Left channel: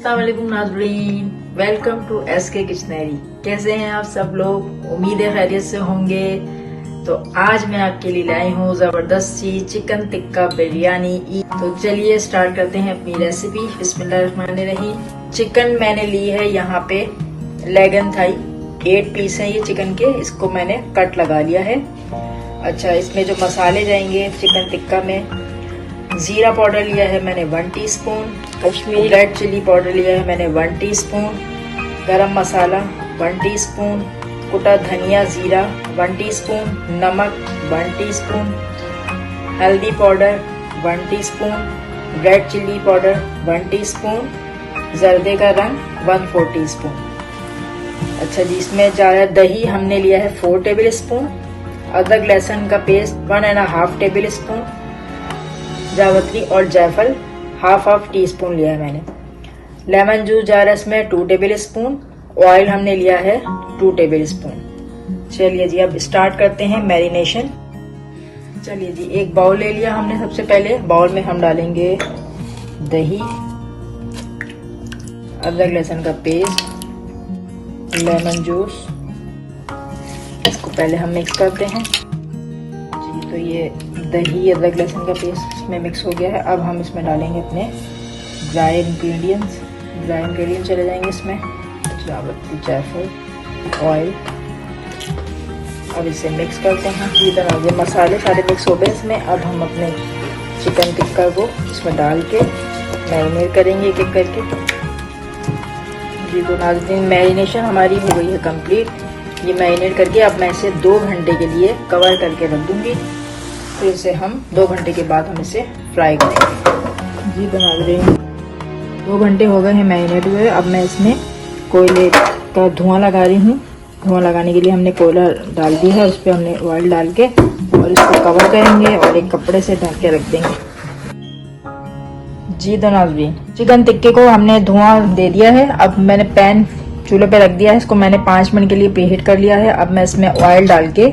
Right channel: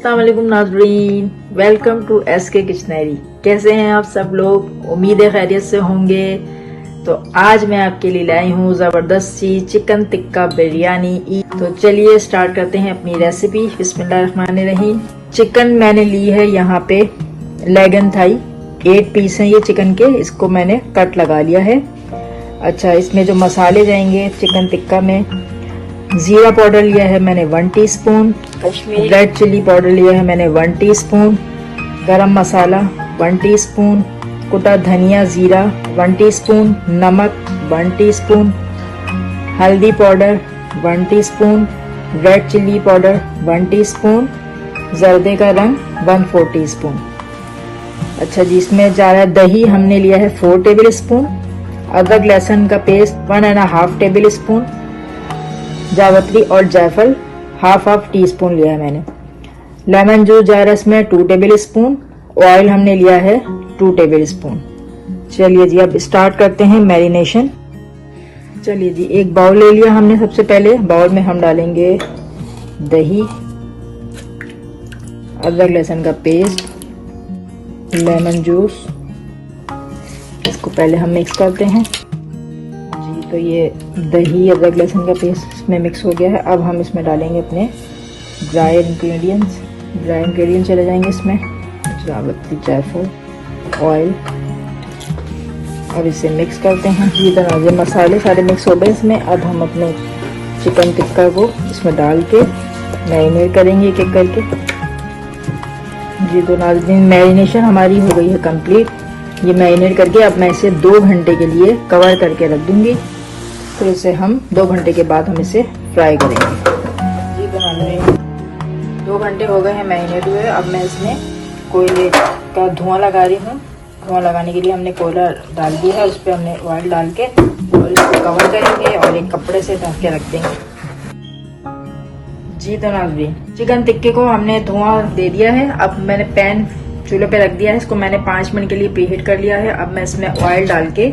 अस्सलामुअलैकुम नाज़रीन, welcome to SK किचनरी। कैसे हैं आप सब लोग? उम्मीद है खैरियत से होंगे। तो आज मैं आपके लिए लाई हूँ जबरदस्त सी चिकन टिक्का बिरयानी। तो चलिए स्टार्ट करते हैं अपनी रेसिपी। बिस्मिल्लाहिर्रहमानिर्रहीम। चिकन मैंने ली है यहाँ पे लेग एंड थाई, 8 पीस है ये चिकन के। इसको मैंने कट लगा लिया है। अच्छा, इसमें जो मसाले जाएंगे चिकन टिक्का में, जीरा पाउडर लिया है मैंने 1 teaspoon, Kashmiri red chilli powder लिया है मैंने 1 टीस्पून, गरम मसाला 1 टीस्पून, कुटा धनिया जीरा 1 टीस्पून, नमक 1 टीस्पून, हल्दी powder 1 teaspoon, red chilli powder 1 teaspoon, जर्दे का रंग 1/4 टीस्पून। अच्छा जी, इसमें जा रहा है दही, हमने लिया है 4 टेबल स्पून, अदरक लहसुन का पेस्ट 1.5 टेबल स्पून, जावित्री और जायफल हाफ टी स्पून लिया है मैंने, लेमन जूस जा रहा है इसमें 2 टेबल स्पून, ऑयल हमने लिया है 2 टेबल स्पून। चलिए जी, अब स्टार्ट करते हैं मैरिनेशन। चलिए जी, एक बाउल ले लिया हमने। सबसे पहले बाउल में हम डालेंगे दही, अदरक लहसुन का पेस्ट, लेमन जूस। इसको पहले हम मिक्स करते हैं। तो ये दही अदरक लहसुन का पेस्ट इसमें मिक्स हो गया है। अब हम इसमें डालेंगे अपने ड्राई इंग्रेडिएंट्स। ड्राई इंग्रेडिएंट्स चले जाएंगे इसमें, जावित्री, जायफल, ऑयल। अब इसे मिक्स करते हैं। ये मसाले सारे मिक्स हो गए इसमें। अब हम अपने चिकन टिक्का को इसमें डाल के मैरिनेट करेंगे एक एक करके जी। तो नाज़रीन, मैरिनेशन हमारी हो गई है कंप्लीट। ये मैरिनेट करके अब मैं इसे 2 घंटे के लिए कवर करके रख दूंगी। फिर इसे हम 2 घंटे के बाद हम इसे फ्राई करेंगे जी। तो 2 घंटे हो गए हैं मैरिनेट हुए। अब मैं इसमें कोयले का धुआं लगा रही हूँ। धुआं लगाने के लिए हमने कोयला डाल दिया है, उस पर हमने ऑयल डाल के और इसको कवर करेंगे और एक कपड़े से ढक के रख देंगे जी। तो नाज़रीन, चिकन टिक्के को हमने धुआं दे दिया है। अब मैंने पैन चूल्हे पे रख दिया है। इसको मैंने 5 मिनट के लिए प्रीहीट कर लिया है। अब मैं इसमें ऑयल डाल के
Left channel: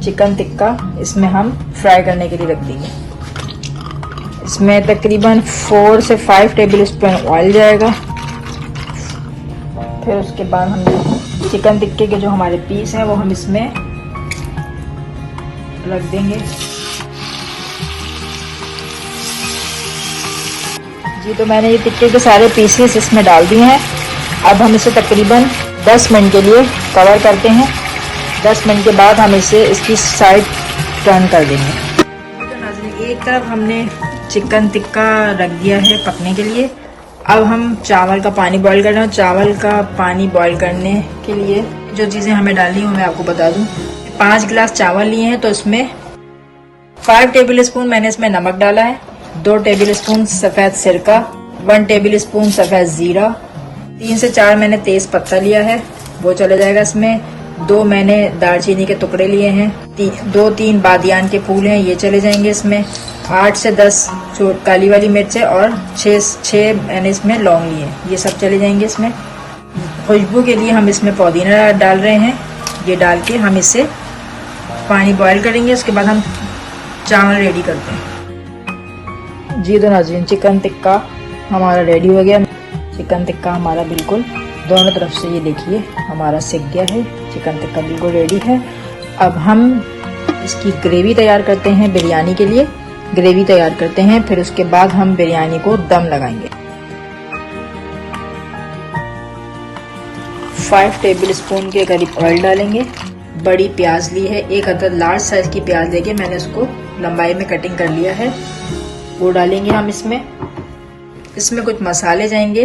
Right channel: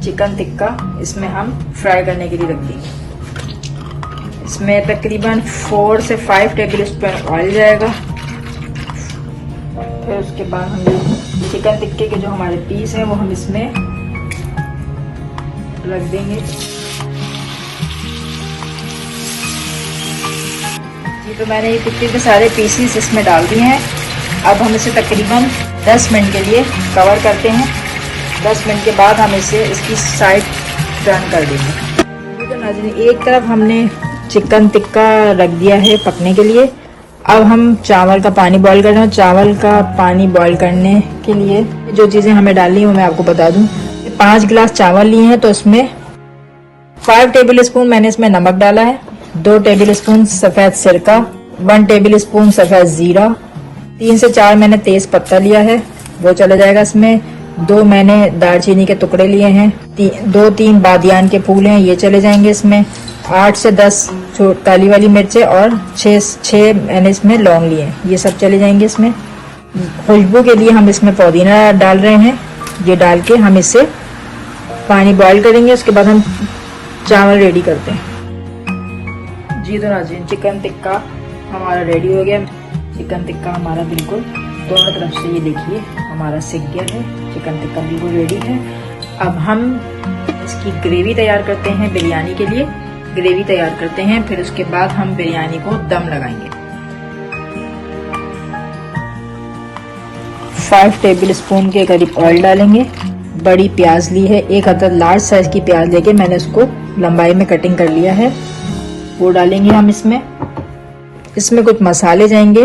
चिकन टिक्का इसमें हम फ्राई करने के लिए रख देंगे। इसमें तकरीबन 4 से 5 टेबल स्पून ऑयल जाएगा। फिर उसके बाद हम चिकन टिक्के के जो हमारे पीस है वो हम इसमें रख देंगे जी। तो मैंने ये टिक्के के सारे पीसेस इसमें डाल दिए हैं। अब हम इसे तकरीबन 10 मिनट के लिए कवर करते हैं। 10 मिनट के बाद हम इसे इसकी साइड टर्न कर देंगे। एक तरफ हमने चिकन टिक्का रख दिया है पकने के लिए। अब हम चावल का पानी बॉईल कर रहे हैं। चावल का पानी बॉईल करने के लिए जो चीजें हमें डालनी है मैं आपको बता दूं। 5 गिलास चावल लिए हैं, तो उसमें 5 टेबल स्पून मैंने इसमें नमक डाला है, 2 टेबल स्पून सफेद सिरका, 1 टेबल स्पून सफेद जीरा, 3 से 4 मैंने तेज पत्ता लिया है, वो चला जाएगा इसमें। 2 मैंने दालचीनी के टुकड़े लिए हैं, 2-3 बादियान के फूल हैं, ये चले जाएंगे इसमें। 8 से 10 जो काली वाली मिर्चें और 6 मैंने इसमें लौंग लिए हैं, ये सब चले जाएंगे इसमें। खुशबू के लिए हम इसमें पुदीना डाल रहे हैं। ये डाल के हम इसे पानी बॉईल करेंगे। उसके बाद हम चावल रेडी करते हैं जी। तो नाज़रीन, चिकन टिक्का हमारा रेडी हो गया। चिकन टिक्का हमारा बिल्कुल दोनों तरफ से ये देखिए हमारा सिक गया है। चिकन टिक्का बिल्कुल रेडी है। अब हम इसकी ग्रेवी तैयार करते हैं। बिरयानी के लिए ग्रेवी तैयार करते हैं, फिर उसके बाद हम बिरयानी को दम लगाएंगे। 5 टेबल स्पून के करीब ऑयल डालेंगे। बड़ी प्याज ली है, एक अदद लार्ज साइज की प्याज लेके मैंने उसको लंबाई में कटिंग कर लिया है, वो डालेंगे हम इसमें। इसमें कुछ मसाले जाएंगे।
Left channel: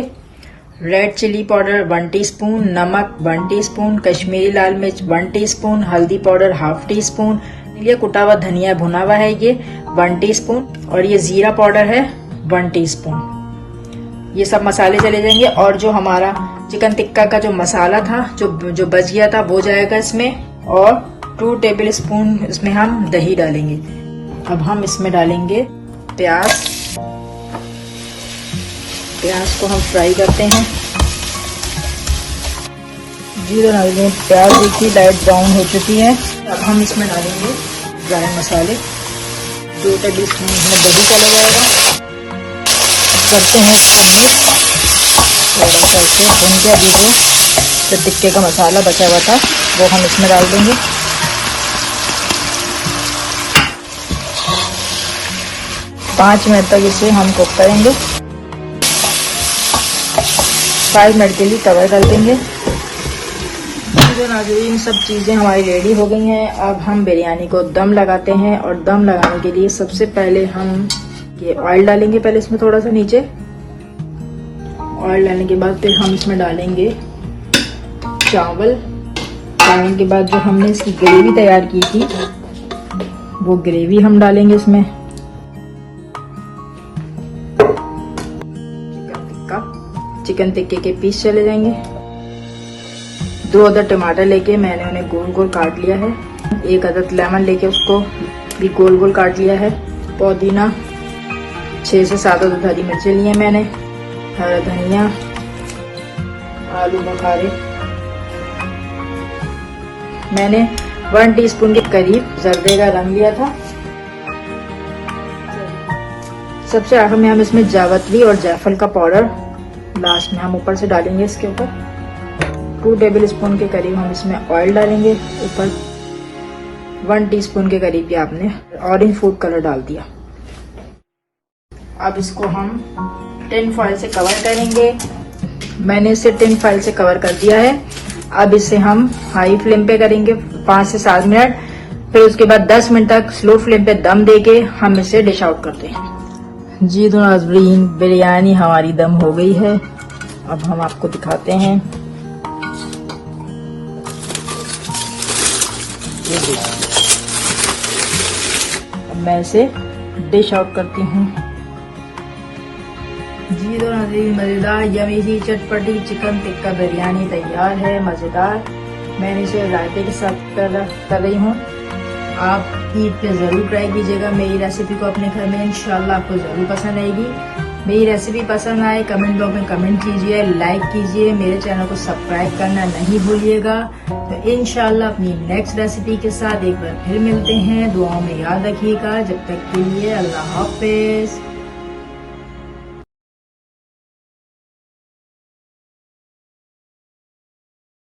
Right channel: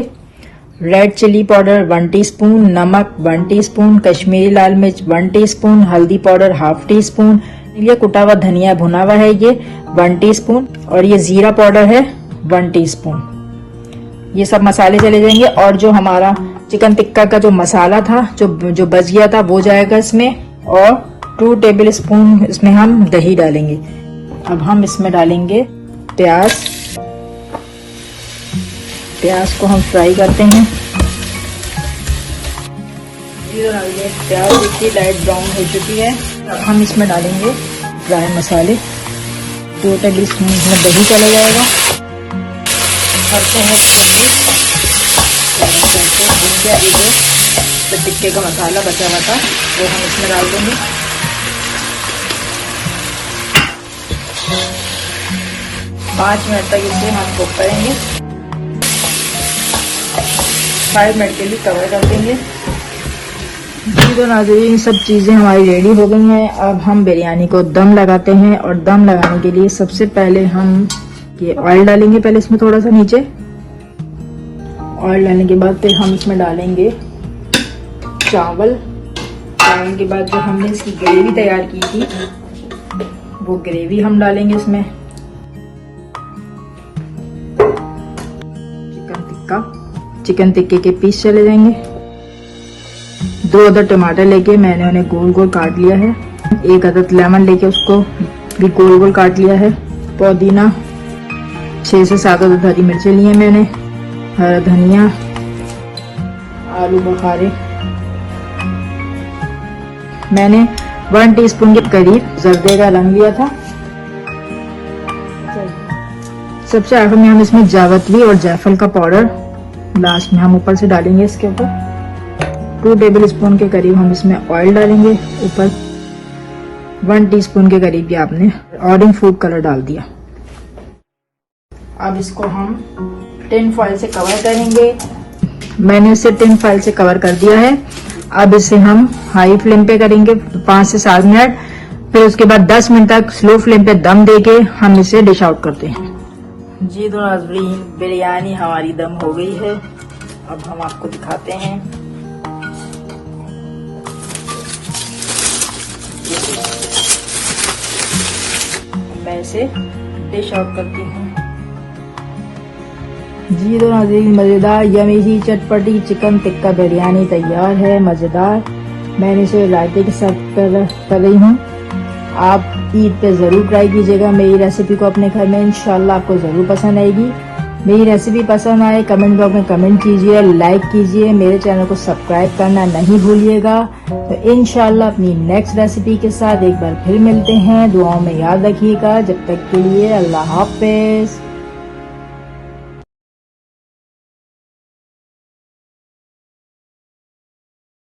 रेड चिली पाउडर 1 टीस्पून, नमक 1 टीस्पून, कश्मीरी लाल मिर्च 1 टीस्पून, हल्दी पाउडर ½ टीस्पून, ये कुटा हुआ धनिया भुना हुआ है ये 1 टीस्पून, और ये जीरा पाउडर है 1 टीस्पून। ये सब मसाले चले जाएंगे, और जो हमारा चिकन टिक्का का जो मसाला था जो बच गया था वो जाएगा इसमें, और 2 टेबल स्पून इसमें हम दही डालेंगे। अब हम इसमें डालेंगे प्याज को हम फ्राई करते हैं। प्याज देखिए लाइट ब्राउन हो चुकी है। अब हम इसमें डालेंगे ड्राई मसाले, 2 टेबल स्पून दही चले जाएगा। रखते हैं जो टिक्के का मसाला बचा हुआ था वो हम इसमें डाल देंगे। पाँच मिनट तक इसे हम कुक करेंगे। 5 मिनट के लिए कवर कर देंगे। ये सब चीजें हमारी रेडी हो गई हैं। अब हम बिरयानी को दम लगाते हैं, और दम लगाने के लिए सबसे पहले हम ये ऑयल डालेंगे। पहले इसमें थोड़ा सा नीचे ऑयल डालने के बाद फिर हम इसमें डालेंगे चावल। डालने के बाद जो हमने इसकी ग्रेवी तैयार की थी वो ग्रेवी हम डालेंगे इसमें। चिकन टिक्के के पीस चले जाएंगे। 2 अदद टमाटर लेके मैंने उन्हें गोल गोल काट लिया है। 1 अदद लेमन लेके उसको भी गोल गोल काट लिया है। पुदीना 6 से 7 अदद हरी मिर्चें ली है मैंने। हरा धनिया, आलू बुखारे मैंने 1 टीस्पून के करीब जर्दे का रंग लिया था। सबसे आखिर में हम इसमें जावित्री और जायफल का पाउडर लास्ट में हम ऊपर से डालेंगे। इसके ऊपर 2 टेबल स्पून के करीब हम इसमें ऑयल डालेंगे। ऊपर 1 टीस्पून के करीब ये आपने ऑरेंज फूड कलर डाल दिया। अब इसको हम टिन फॉइल से कवर करेंगे। मैंने इसे टिन फॉइल से कवर कर दिया है। अब इसे हम हाई फ्लेम पे करेंगे 5 से 7 मिनट। फिर उसके बाद 10 मिनट तक स्लो फ्लेम पे दम देके हम इसे डिश आउट करते हैं। जी तो नाज़रीन, बिरयानी हमारी दम हो गई है। अब हम आपको दिखाते हैं। मैं इसे डिश आउट करती हूँ। जी तो नाज़रीन, मजेदार यमी सी चटपटी चिकन टिक्का बिरयानी तैयार है। मजेदार। मैंने इसे रायते के साथ कर रही हूँ। आप ईद पे जरूर ट्राई कीजिएगा मेरी रेसिपी को अपने घर में। इंशाल्लाह आपको जरूर पसंद आएगी। मेरी रेसिपी पसंद आए कमेंट बॉक्स में कमेंट कीजिए, लाइक कीजिए, मेरे चैनल को सब्सक्राइब करना नहीं भूलिएगा। तो इंशाल्लाह अपनी नेक्स्ट रेसिपी के साथ एक बार फिर मिलते हैं। दुआओं में याद रखिएगा। जब तक के लिए अल्लाह हाफिज।